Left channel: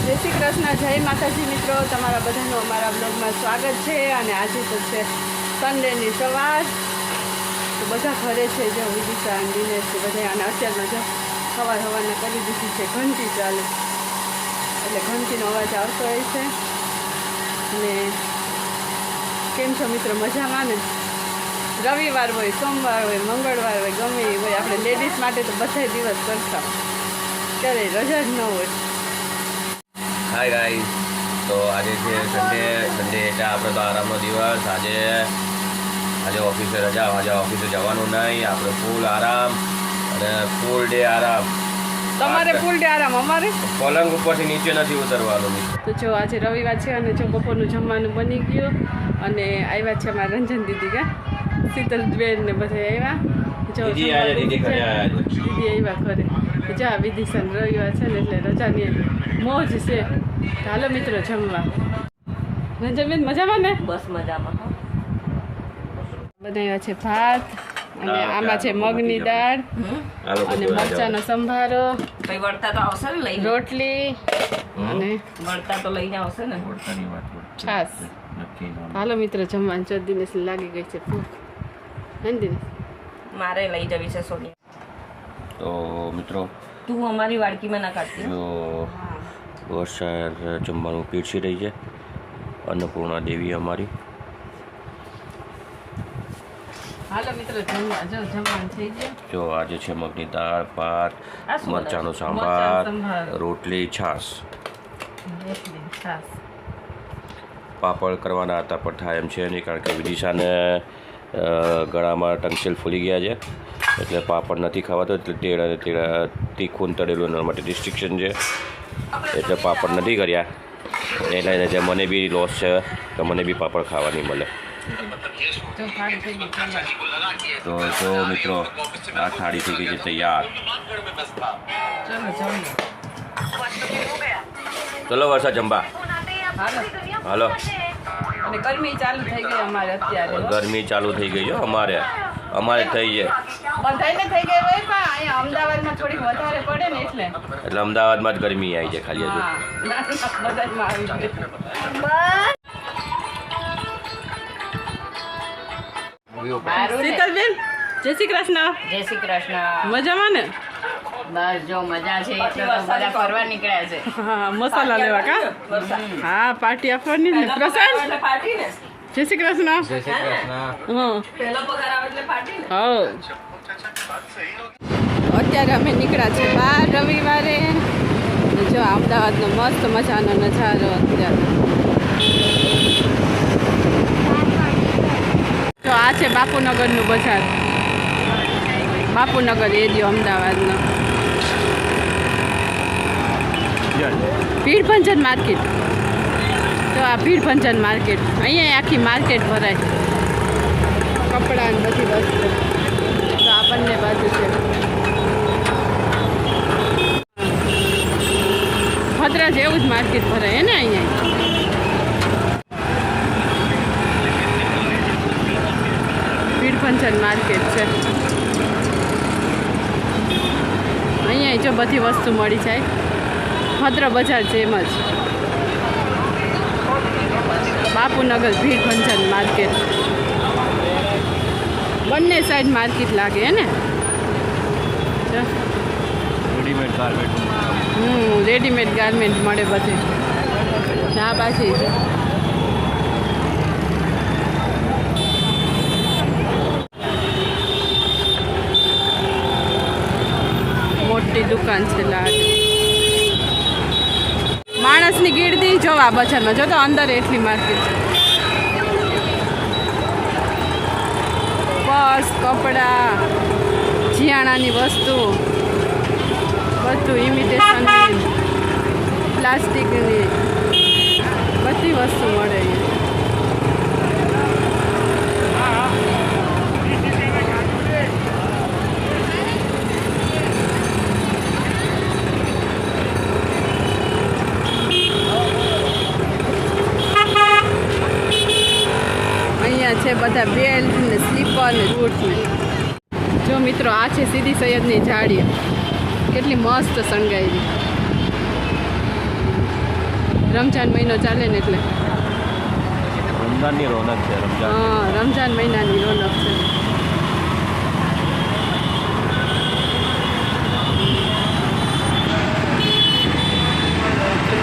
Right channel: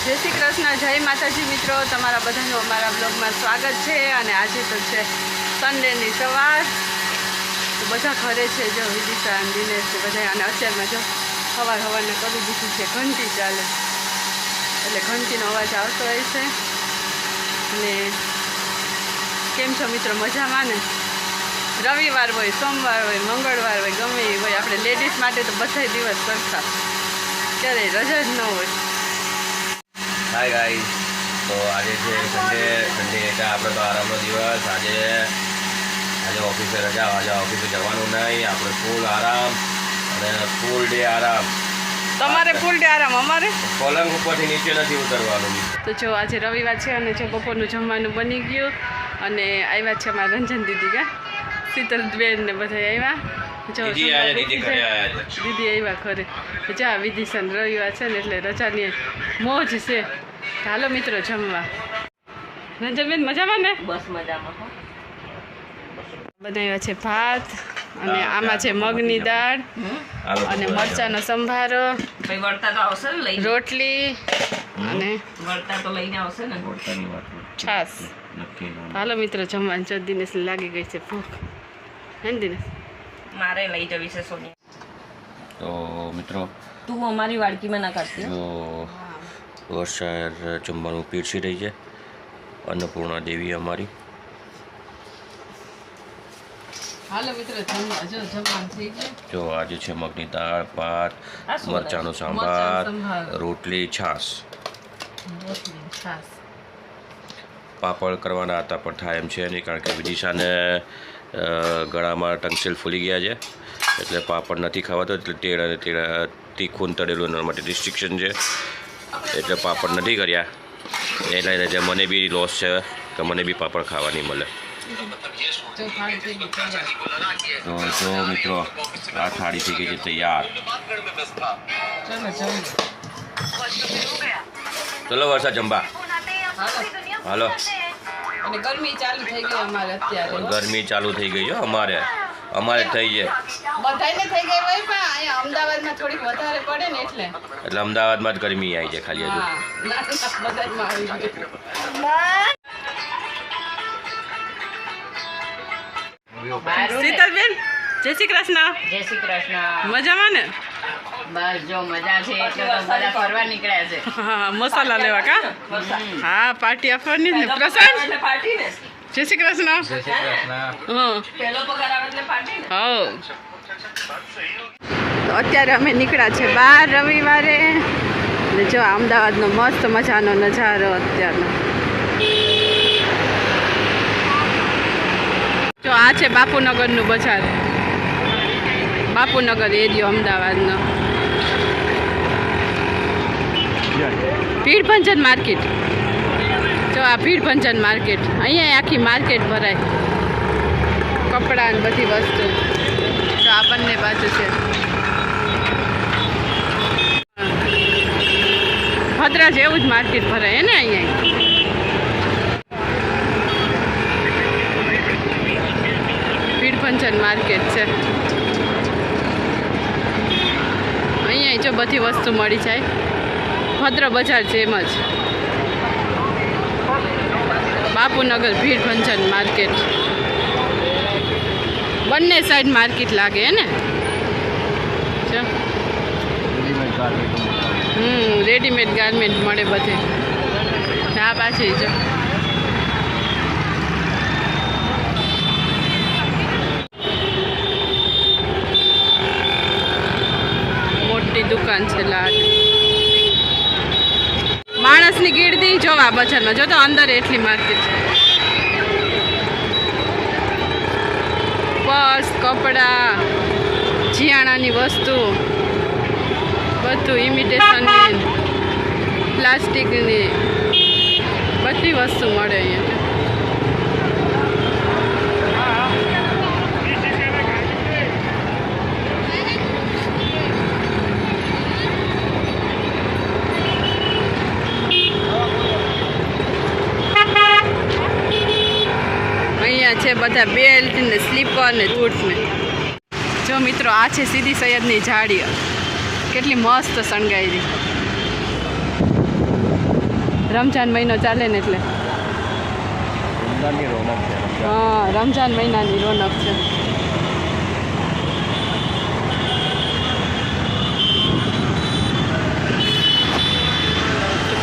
જય શ્રી કૃષ્ણ, જય માતાજી મિત્રો, તમારા બધાનું અમારા બ્લોગમાં સ્વાગત છે। અને આજે તો છે સન્ડેની સવાર, તો બધા ઘરે છે, જો વિદિશા અને દિનેશ બધા। અને અત્યારમાં જો સવારના કરી દીધી છે ઘંટી ચાલે, એટલે ઘંટીનો અવાજ આવતો હોય છે। અને કેમ છો મિત્રો, મજામાં ને? રવિવાર હોય, સોમવાર હોય, મંગળવાર હોય, ગમે એ હોય, આપણે લેડીઝ માટે તો બધા દિવસ સરખા, ક્યારેય રજા જ ન હોય। હાય ગાઈસ, તો આજે છે સન્ડે એટલે આપણે તો આરામનો દિવસ। આજે ઓફિસે રજા, આજે ઓફિસે જવાનું નહીં, આપણે ફૂલ આરામ અને ફૂલ ડે આરામ। તમારે ફૂલ ડે આરામ, અમારે પલંગ ઉપરથી નીચે નથી ઉતરવાનું। તો જો આજે રવિવાર છે અને જો બપોરનું જમવાનું બની ગયું અને આવ્યા છે અમારા રંજન દીદી, કા શીતલબેન ને બધા આવ્યા। જો દીદી આવ્યા ઘરે, જા વિદિશન રવિવાર છે ને એટલે રજાની મોજ છે। ચાલો મિત્રો જમવા। રંજનબેન મજામાં ને? બસ મજામાં। બનાવ્યા છે ભાત અને આમાં છે મગની દાળ અને મરચાંનો સંભારો, રોટલી અને છાશ। હાલો મિત્રો જમવાનું। જો દિનેશ લાગી ગઈ છે ભૂખ, હે ને દિનેશ? મારે લઈ જવી છે સોની। તો મિત્રો તું અમારી વાડકીમાં ના કાઢતી। જો વર્ષા જમવાનું પીરસી રહી છે, અન્નપૂર્ણા દેવી અમારી। હાલો મિત્રો જમવા, જો જમવાનું થઈ ગયું। જો આજે છે મગની દાળ, ભાત, મરચાંનો સંભાર, રોટલી, છાશ। પાપડ કરવાના હતા પણ થાય એમ છે નહીં, કારણ કે વિદિશાને ગળામાં ટંગસેલ ફૂલી ગયા છે, એટલે પાપડ નથી ખાવાતો, એટલે તીખું તળેલું એના માટે રિસ્ટ્રિક્શન છે, એટલે પાપડ નથી કર્યા। એ લઈને જે મને બી લોસ છે કે મને બી પાપડ ખાવા નહીં મળે। તો જો મિત્રો આ થાળી થઈ ગઈ છે તૈયાર। ચલો વર્ષા જમવા હાલો। અને ગરમી ચાલુ થઈ ગઈ અમારે અત્યારે, ગરમી ચાલુ થઈ ગઈ છે અમારે થઈ છે, બધાને થઈ ગઈ હોય, પણ અહીંયા અમદાવાદમાં થોડીક વધારે પડે ને એટલે અમદાવાદમાં જ ગરમી આવી છે ખાલી હજુ। બધામાં આવી ગઈ। શીતલબેન જય શ્રી કૃષ્ણ। જય શ્રી કૃષ્ણ। મજામાં ને? બસ જો મજા છે, એટલે તો બધા ફરવા નીકળ્યા છે। હા, મસાલા લેવા કા? હા, પાર્ટી આપવાની ને પ્રસાદ। જય શ્રી કૃષ્ણ। હા, હા। તો અત્યારે અમે નીકળ્યા છે બહાર રવિવારે, ને જો અમદાવાદનો મસ્ત મજાનો નજારો અત્યારે। જો આ છે બાપુનગરનું બજાર, બાપુનગર એરિયો અમદાવાદનો। ભીડભંજન માર્કેટ, જો આ ભીડભંજન માર્કેટ, અહીંયા આખી માર્કેટ ભરાય, કપડાં ને બધી વસ્તુ। તો આ બંને બાજુ છે। ભદ્રા જેવું જ માર્કેટ ભરાય હે ને અહીંયા। ભીડભંજન માર્કેટ છે, અહીંયા જો બધી વસ્તુ મળી જાય, ભદ્ર બજાર જેમ જ। બાપુનગર ભીડભંજન માર્કેટ, બંને સાઈડ માર્કેટ લાગે હે ને? રેડીમેડ ગાર્મેન્ટ મળે બધે। આ પાછી જો મોટી દુકાન છે લાગ, માણસની ગીરદી જોવા બજારમાં, જો તો અંદર એટલી માર્કેટ, પર્સ, કપડાં, જીયાણાની વસ્તુ, બધું ઇમિટેશનની, પ્લાસ્ટિકની બધી વસ્તુ મળે અહીંયા। છે બધા બેલ્ટ ને સ્લીપર ને બૂટ ને। જો મિત્રો આ છે સીદી સૈયદની જાળી, કેટલી મસ્ત શણગારી। રમજાન મહિનો ચાલે ને એટલે રમઝાનની રોનક છે રમઝાન. હા રમજાન મહિનાની રોનક છે.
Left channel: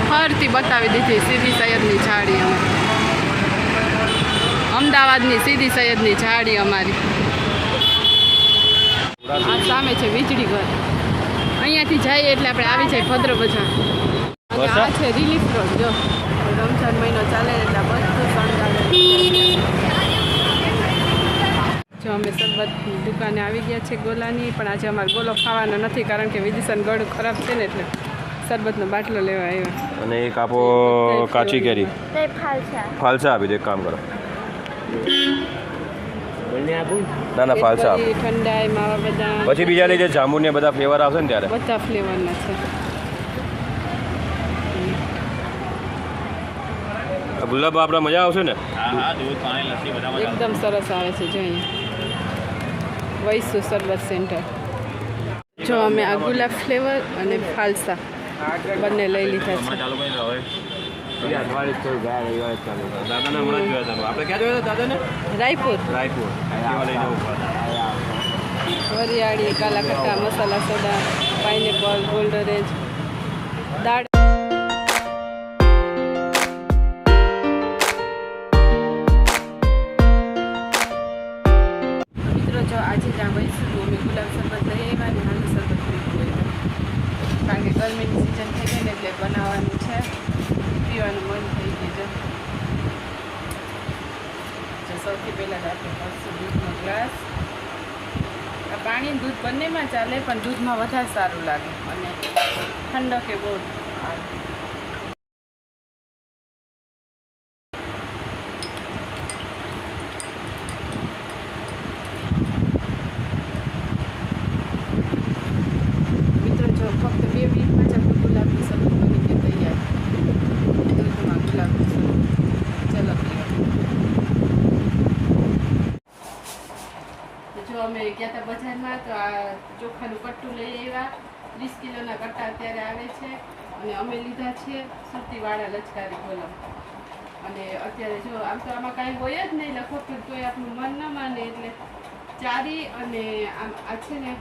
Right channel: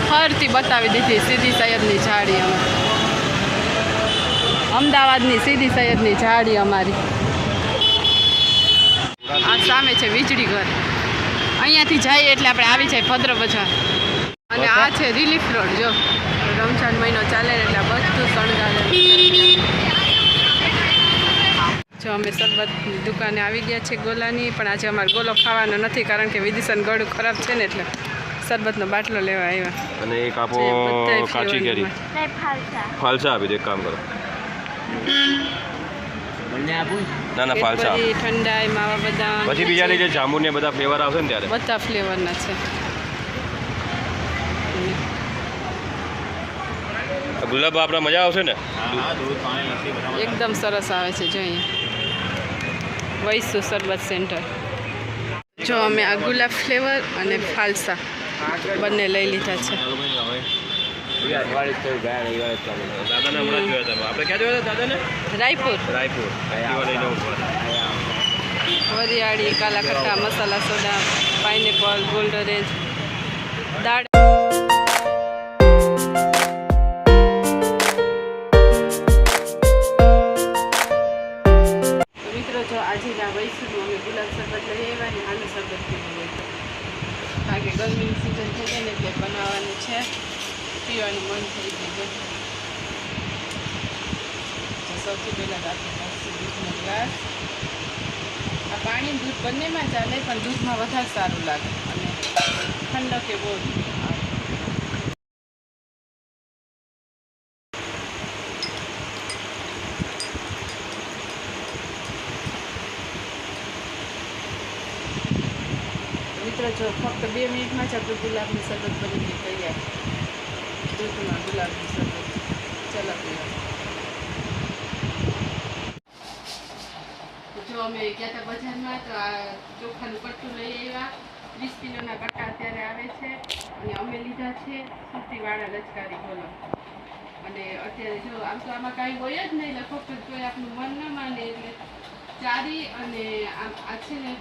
ફરતી બતાવી દીધી સીદી સૈયદની ઝાડી અમે. અમદાવાદની સીદી સૈયદની ઝાડી અમારી. આ સામે છે વીજળી ઘર. અહીંયાથી જઈએ એટલે આપણે આવી જાય ભદ્ર બજાર. અને આ છે રિલીફ રોડ. જો રમજાન મહિનો ચાલે ને એટલે આ બધું શણગારેલું છે. જો અમે શરબતની દુકાને આવી ગયા છે ગોલાની, પણ આજે અમારે ગોલો ખાવાનો નથી કારણ કે વિદિશાનું ગળું ખરાબ છે ને એટલે શરબતનો બાટલો લેવા આવ્યા. અને એક આપો જે બધાય કાચી કેરી ફ્લેવરમાં. ફાલસા આપી દો, એક કામ કરો. ના ના ફાલસા આપો. કેડબરી, ઠંડાઈ, માવા બદામ, પછી બીજાની જે જાંબુ ને બધા ફ્લેવર આવશે ને ત્યારે બધા ફ્લેવરના છે. ગુલાબ આપણા મજા આવશે ને. એકદમ સરસ આવે છે. જો અહીંયા વૈસુ શરબત સેન્ટર. જો અમે આ ગુલાબ ફ્લેવર અને ફાલસા બંને લઈ લીધા છે. રાયપુર, વરિયાળી, કાલા ખટ્ટા, મસાલા સોડા, પાઇનેપલ, ગોલ્ડ ઓરેન્જ, દાળ. મિત્રો જો આજે જ્યાં વૈસું અમે ગુલાબ શરબત લઈ આવ્યા ને હાંડી શરબત પીવું હોય કારણ કે ગરમીની સિઝન થઈ ગઈ ને એટલે બનાવવાનું છે, પીવાનું મન થઈ ગયું છે. સૌથી પહેલાં આપણે કરશું દૂધનો ગ્લાસ. આ પાણી દૂધ બંનેમાં ચાલે પણ દૂધમાં વધારે સારું લાગે અને ઠંડક એ બહુ આવે. મિત્રો જો ફક્ત 2 મિનિટમાં જ આપણું ગુલાબનું શરબત બની ગયું તૈયાર. દૂધમાં ગુલાબનું શરબત. ચલો જો અમે ગયા હતા બજારમાં તો આ ચોખાનું કટ્ટું લઈ આવ્યા. 30 કિલોના કટ્ટા અત્યારે આવે છે અને અમે લીધા છે સુરતીવાળા લચકારી કોલમ. અને અત્યારે જો આમ તો આમાં કાંઈ હોય જ નહીં લગભગ, કોઈ આપણું મન ના માને એટલે ચારી અને આમ આ છે ને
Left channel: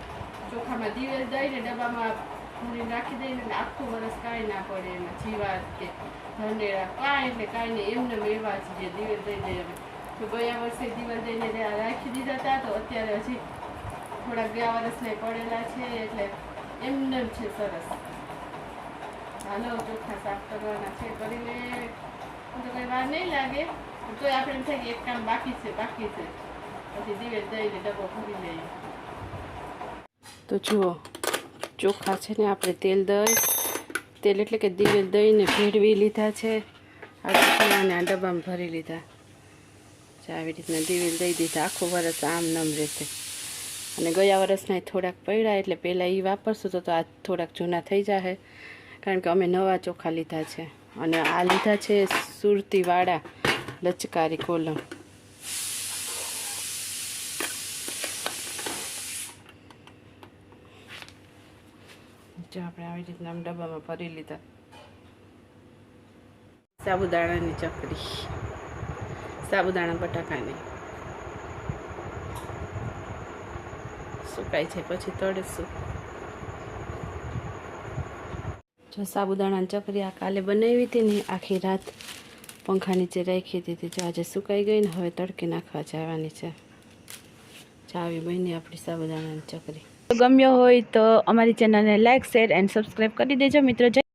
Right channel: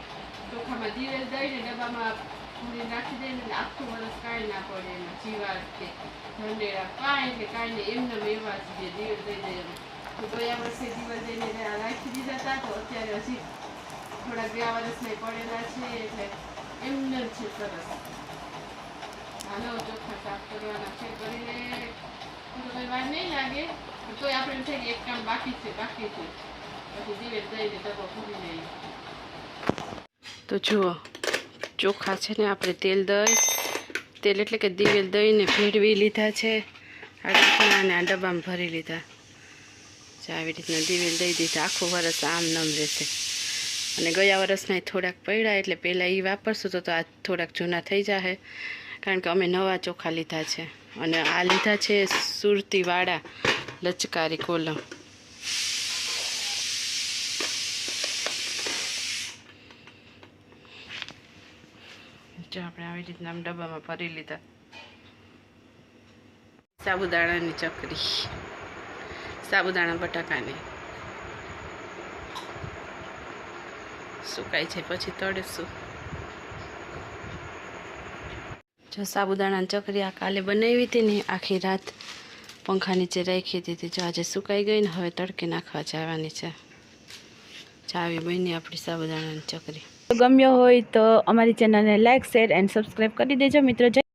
ચોખામાં દિવેલ દઈને ડબ્બામાં પૂરી રાખી દઈને એટલે આખું વરસ કાંઈ ના પડે એમાં જીવાત કે ધંડેરા કાંઈ એટલે કાંઈ નહીં એમને એવા જ જે દિવેલ દઈ દઈએ. તો ગયા વર્ષે દિવેલ દઈને રાખી દીધા હતા તો અત્યારે હજી થોડા ગયા વર્ષને પડેલા છે એટલે એમને જ છે સરસ. હાલો ચોખા સાફ કરવાના છે, કરીને તો કંઈ વાર નહીં લાગે પણ તોય આપણે એમ થાય કે એક કામ બાકી છે પછી દિવેલ દઈને ડબ્બો ભરી લઈએ. તો જુઓ ચોખા છે ને આપણે તેલ એટલે કે દિવેલ દઈને ભેળવી લીધા છે આ રીતના અને આ ડબ્બામાં ભરી લીધા. આવી રીતના દિવેલ દઈ દીધા. આખું વરસ આમ નમ રહેશે. અને ગયા વર્ષના થોડાક પડ્યા એટલે પહેલાં એ વાપરશું તો આ થોડાક જૂના થઈ જશે કારણ કે અમે નવા ચોખા લીધા છે. અને આ લીધા છે સુરતીવાળા લચકારી કોલમ. જો આપણે આવી રીતના આમ ડબ્બામાં ભરી લીધા. સાબુદાણાની ચકરી, સાબુદાણા બટાકાની સુકાય છે પછી તળીશું. જો સાબુદાણાની ચકરી આ કાલે બનાવી હતી ને આખી રાત પંખા નીચે રાખી દીધી. જો આજે સુકાઈ ગઈ ને હવે તડકે નાખવા જવાની છે. ચાવી બની આપણી સાબુદાણાની ચકરી. ગમ્યો હોય તો અમારી ચેનલને લાઈક, શેર એન્ડ સબસ્ક્રાઈબ કરી દેજો મિત્રો.